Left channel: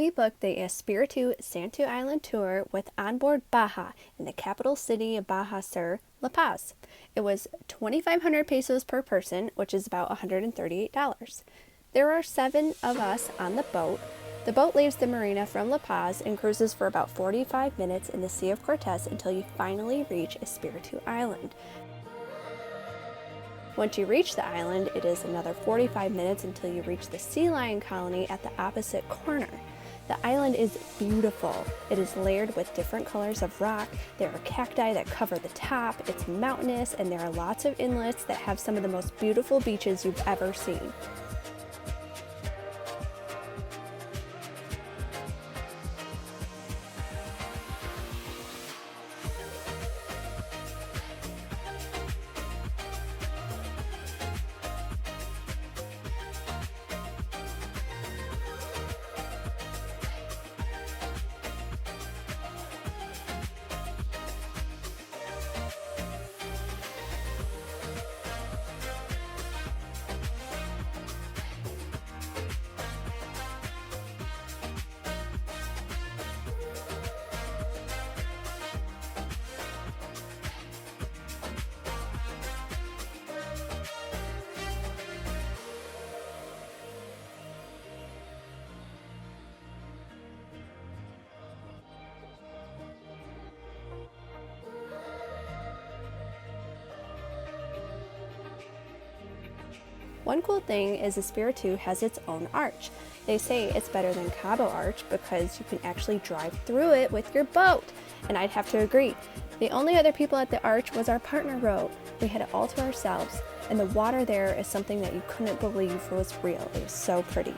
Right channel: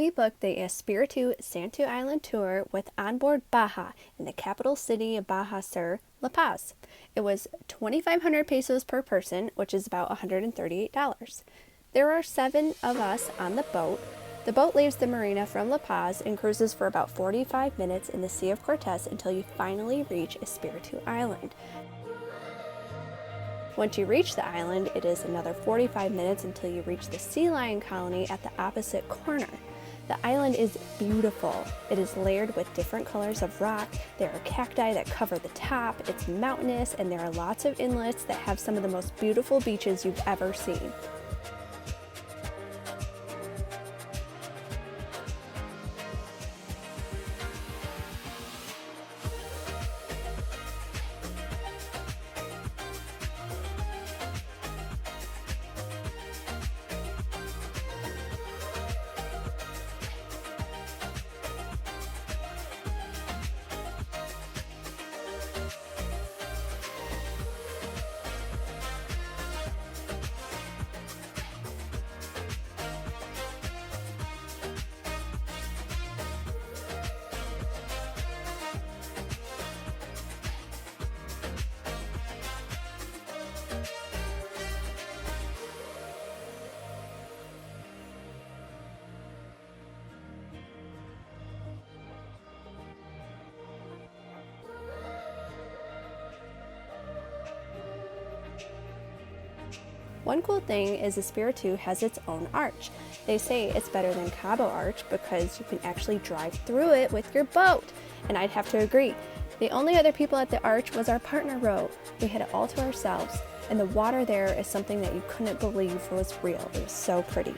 We booked the Espiritu Santo Island tour with onboard Baja in the capital city of Baja Sur, La Paz. It was 2,500 pesos per person, which is about $138. There are 7 of us on the boat. The boat leaves the marina from La Paz and cruises for about 45 minutes in the Sea of Cortez until you finally reach Espiritu Island. Once you reach the island, it is another 45 minutes until you reach the sea lion colony at the opposite corner. The island is beautiful. It is layered with different colors of rock. There are cacti that cover the top. It's mountainous, and there are lots of inlets that have some of the most beautiful beaches you've ever seen. One cool thing is Espiritu has its own arch. They say it's better than Cabo Arch because you can actually drive through it with your boat. And I'd have to agree. The only other people at the arch was our partner boat. We had it all to ourselves. And the water there is something that you couldn't believe was real. It was so pretty.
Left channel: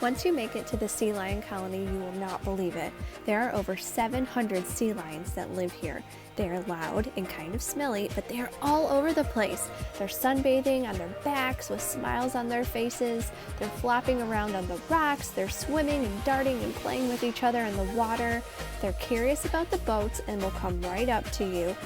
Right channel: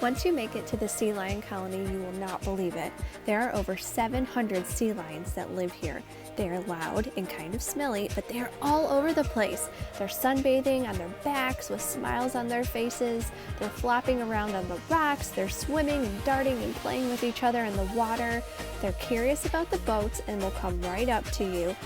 Once you make it to the sea lion colony, you will not believe it. There are over 700 sea lions that live here. They are loud and kind of smelly, but they are all over the place. They're sunbathing on their backs with smiles on their faces. They're flopping around on the rocks. They're swimming and darting and playing with each other in the water. They're curious about the boats and will come right up to you.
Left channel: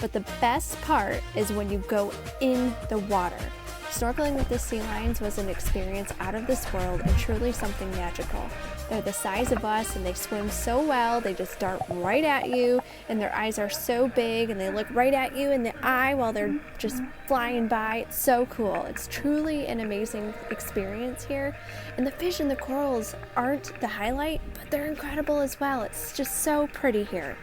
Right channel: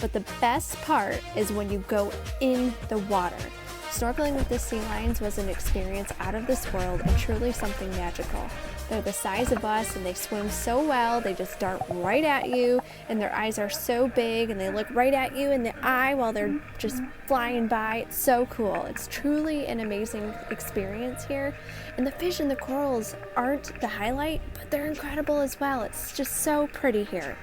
But the best part is when you go in the water. Snorkeling with the sea lions was an experience out of this world and truly something magical. They're the size of us and they swim so well, they just dart right at you, and their eyes are so big and they look right at you in the eye while they're just flying by. It's so cool. It's truly an amazing experience here. And the fish and the corals aren't the highlight, but they're incredible as well. It's just so pretty here.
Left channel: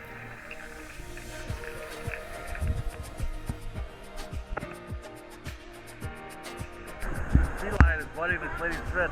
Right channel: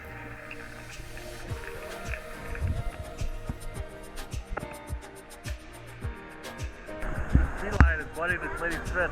Sea lion is letting this lady spin.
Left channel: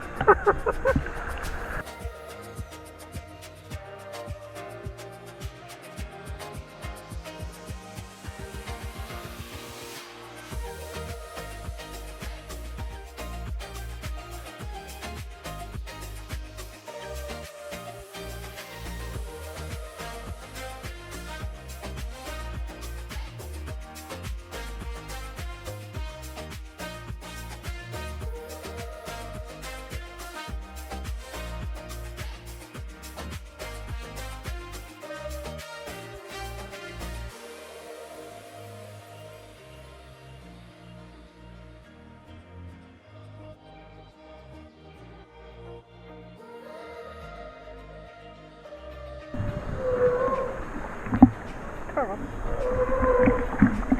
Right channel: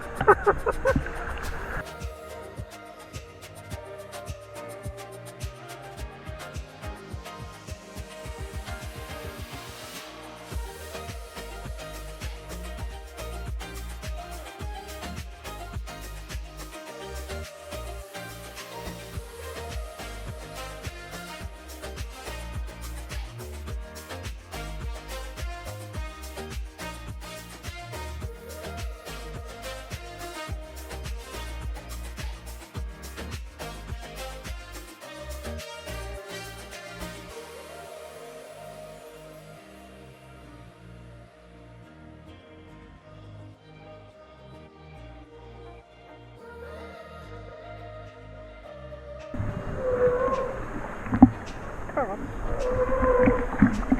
Carl.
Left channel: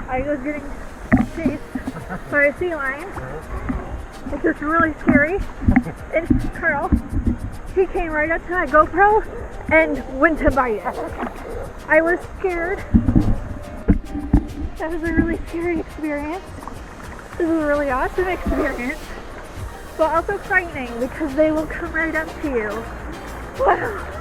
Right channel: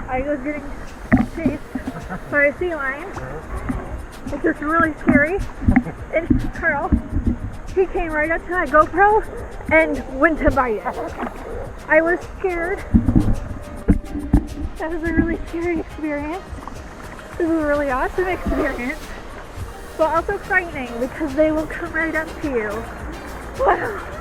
I was getting chased by a sea lion, which is really scary. And Carl, he came right up to my GoPro and went to bite it. I was scared. That was a really scary experience. This was a really awesome experience, but also frightening because they will come right up to you. Wow.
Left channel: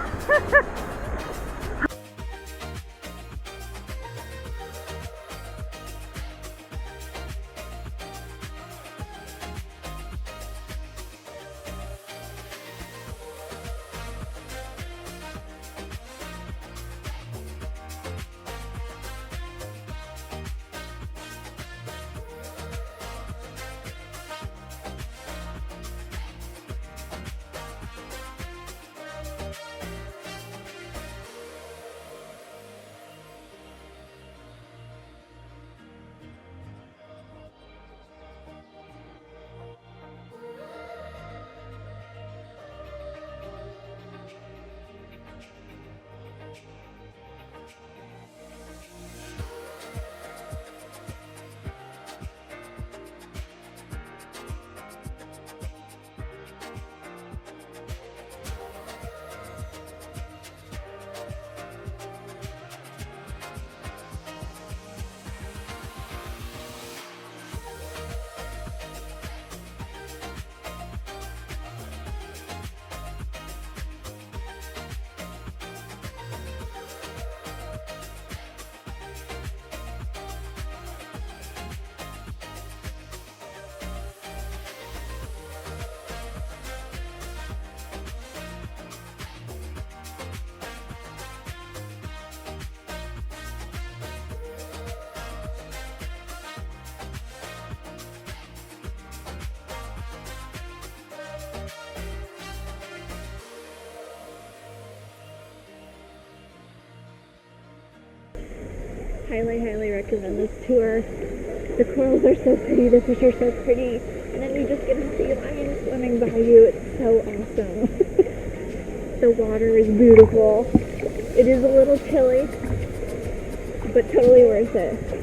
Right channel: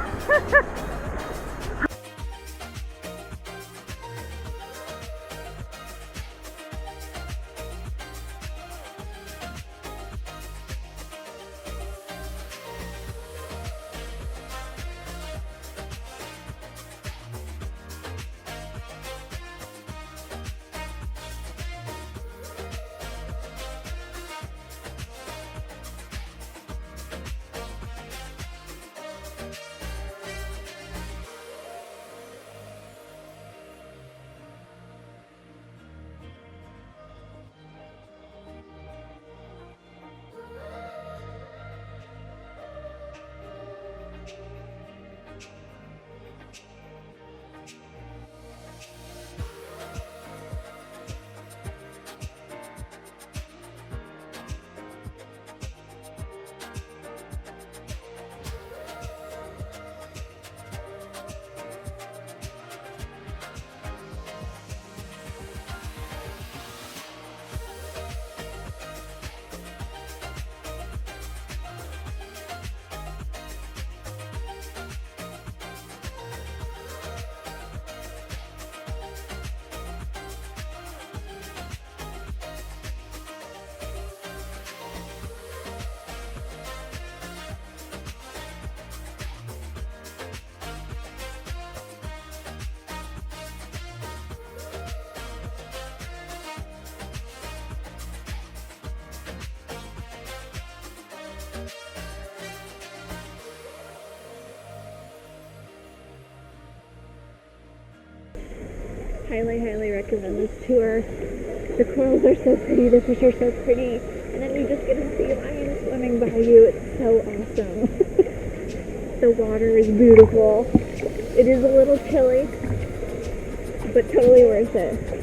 Highly recommend this tour. The corals are so pretty, the fish are so pretty, and then you just get a sea lion swimming by you. It's so awesome. The water is beautiful. It is a little chilly, but totally worth it.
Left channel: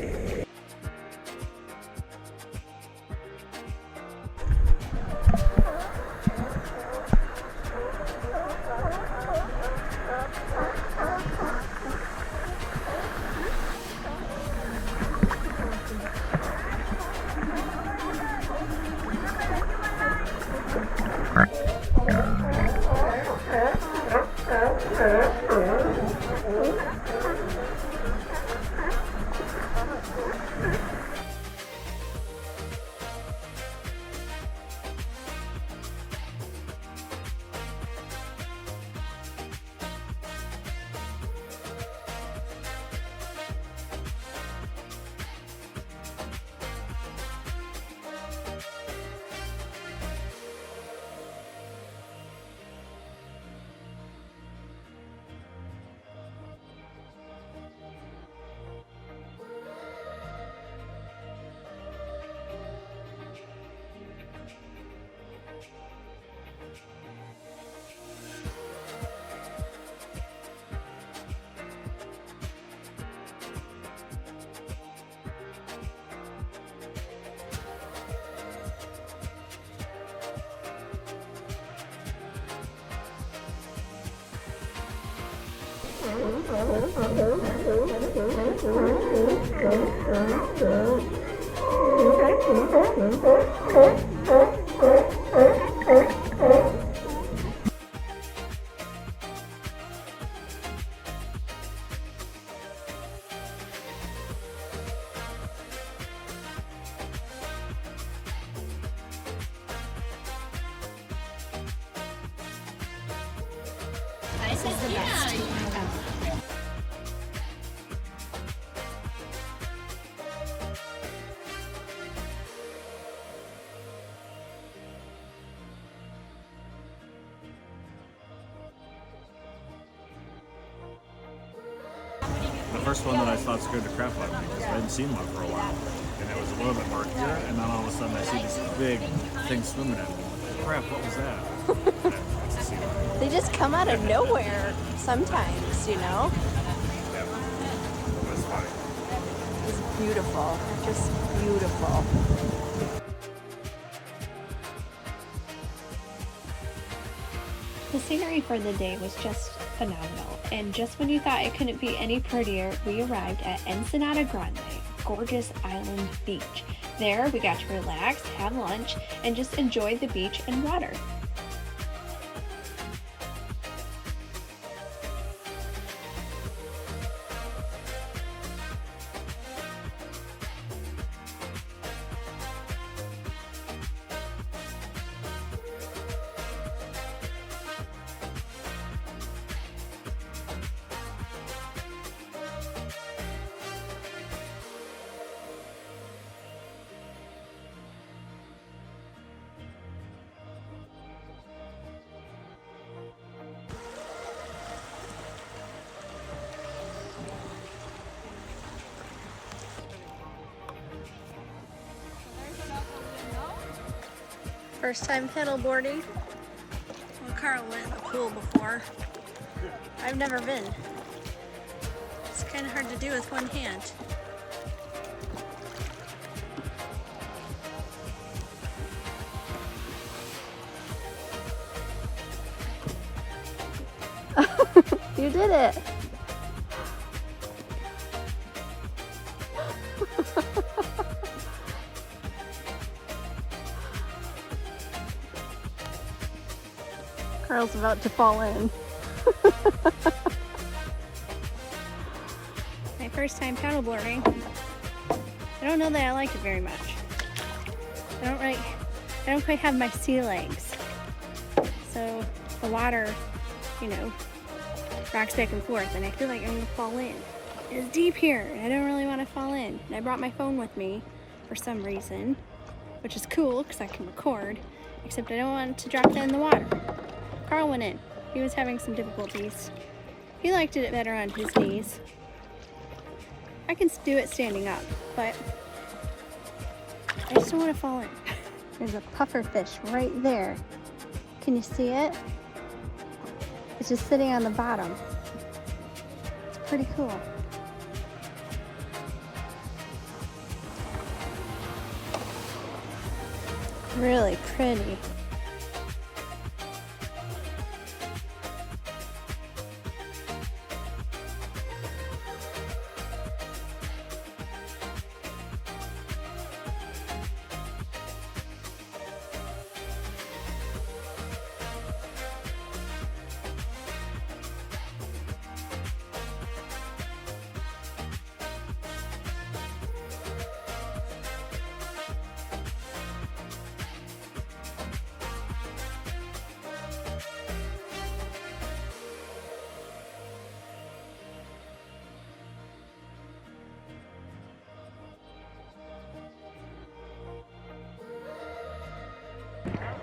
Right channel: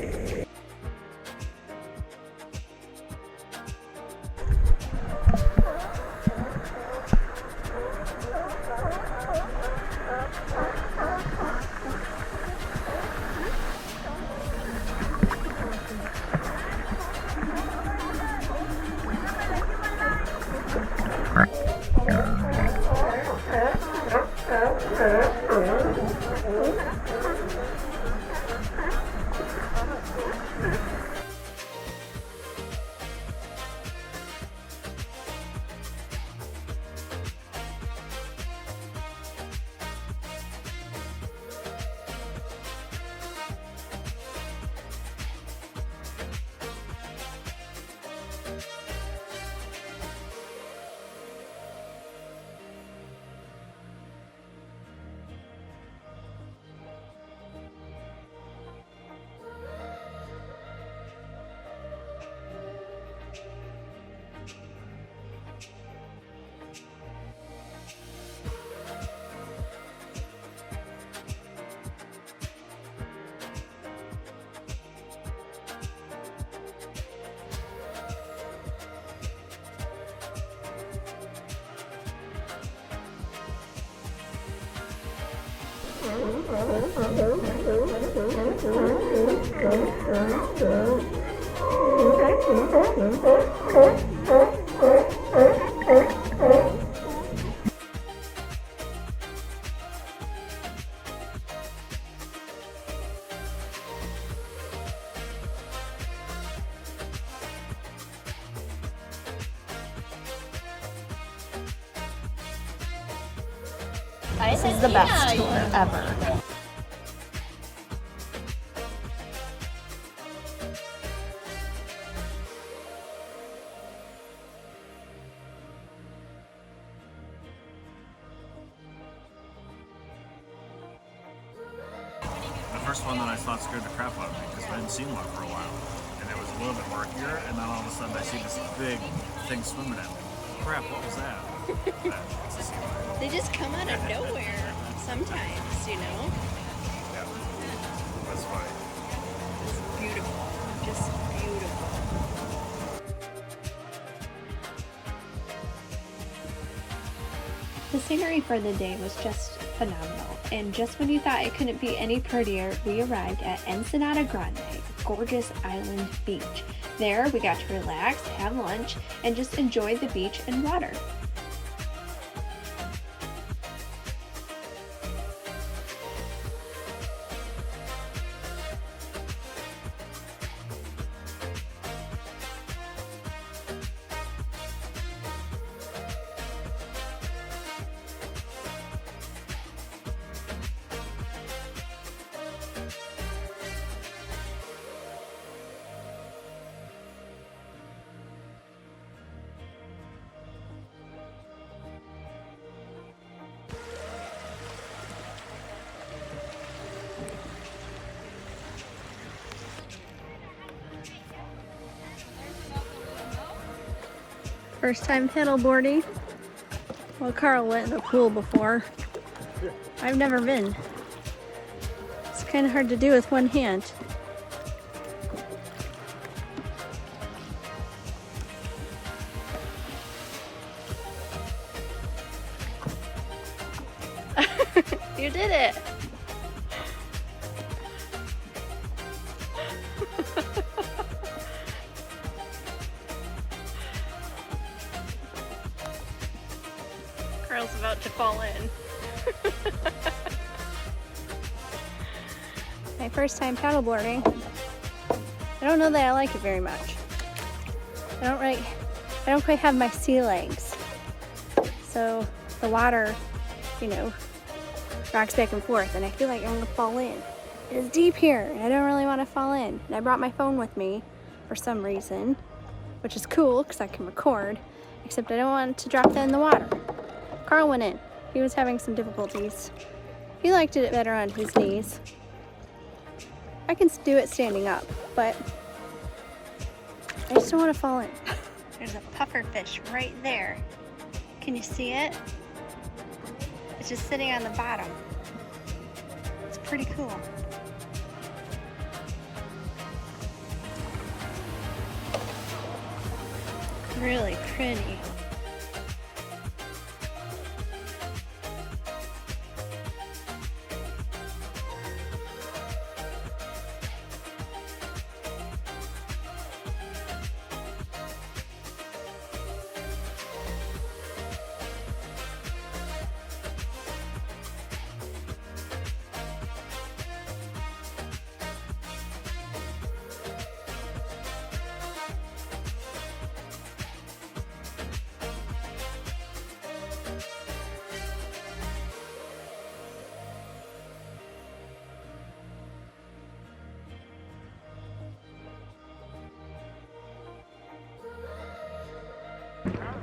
This is the best tour ever. The first one that I saw scared the crap out of me because I hadn't seen one for a while. And it was a little bit murkier, and then all of a sudden I see this big thing swimming at me. Crap, what was that? It's a sea lion. They just come out of nowhere sometimes, you know? Yeah. It was funny. It's beautiful. Just beautiful. The scenery for the day was just phenomenal, and just when you thought it couldn't be any prettier, we arrived at Ensenada Grande, a gorgeous island beach. There, we got to relax, have lunch, and just enjoy the beach and water. First time paddleboarding. Well, Carl went in the pool before. I've never been. It's kind of hard to do with one hand. You did it! Carl's about to fall in. My first time paddleboarding. I don't know that I like it very much. I don't quite have my sea legs. So the water, you know, rocks back and forth, and I feel like I'm gonna fall in. It's deep here, and I don't really want to fall in. And I brought my phone with me for some reason, which is cool because I can record, except I don't want to drop that in the water. Carl went in. He was having some difficulties. He liked it better on his knees. I can do it standing up, but I just don't want to fall in. There's a puffer fish right there. Can you see it? It's just sitting on the bottom. It's pretty cool. Really pretty.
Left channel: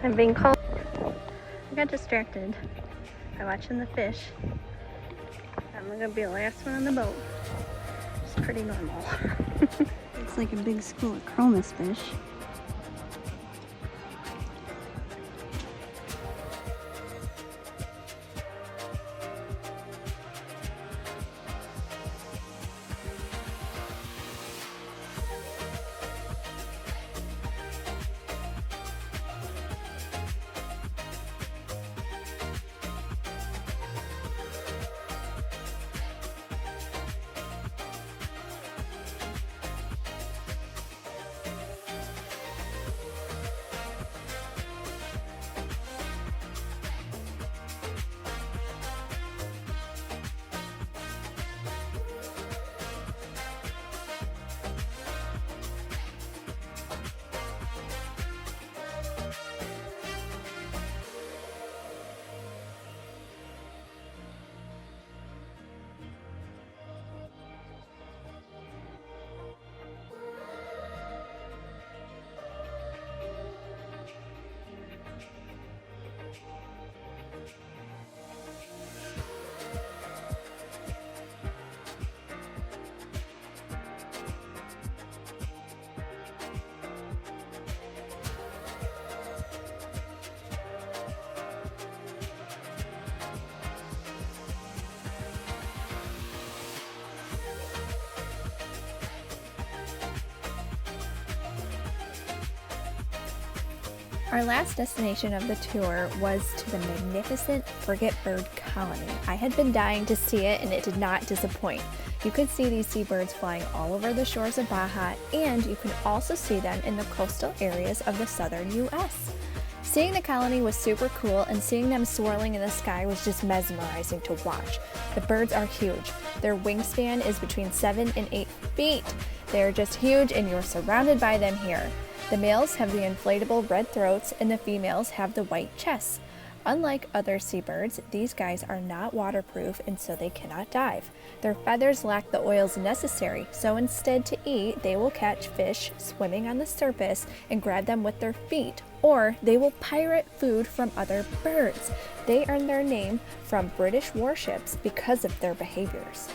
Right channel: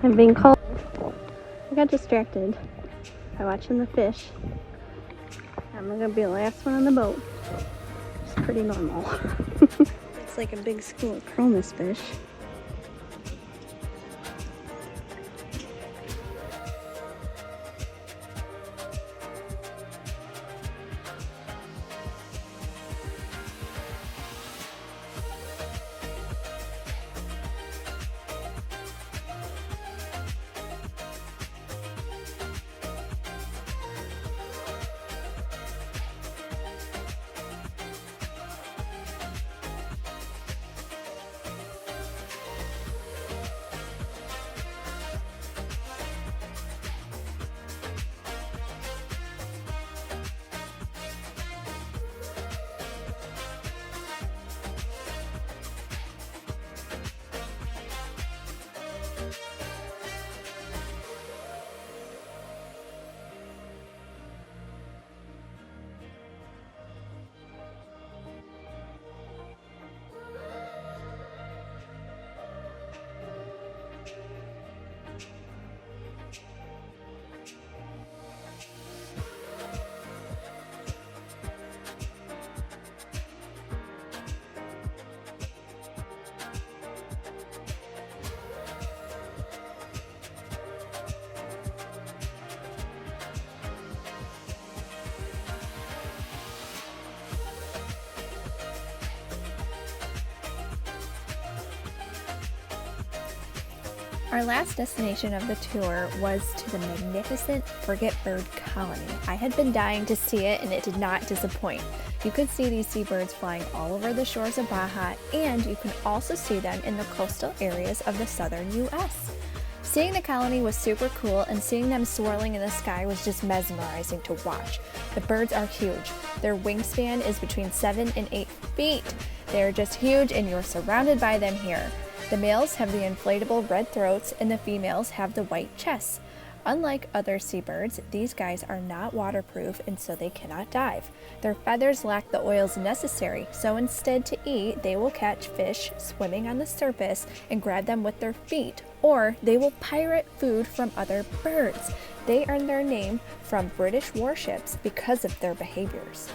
I'm being cold. I got distracted by watching the fish. I'm gonna be the last one on the boat. It's pretty normal. It's like a big school of cronus fish. Our last destination of the tour was to the Magnificent Frigatebird Colony. I had been dying to see it and it did not disappoint. You could see these seabirds flying all over the shores of Baja, and you can also see them in the coastal areas of the southern US. Seeing the colony was super cool, and seeing them swirling in the sky was just mesmerizing to watch. The birds are huge. Their wingspan is between 7 and 8 feet. They are just huge and you're surrounded by them here. The males have the inflatable red throats and the females have the white chests. Unlike other seabirds, these guys are not waterproof and so they cannot dive. Their feathers lack the oils necessary, so instead to eat, they will catch fish swimming on the surface and grab them with their feet, or they will pirate food from other birds. They earned their name from British warships because of their behaviors.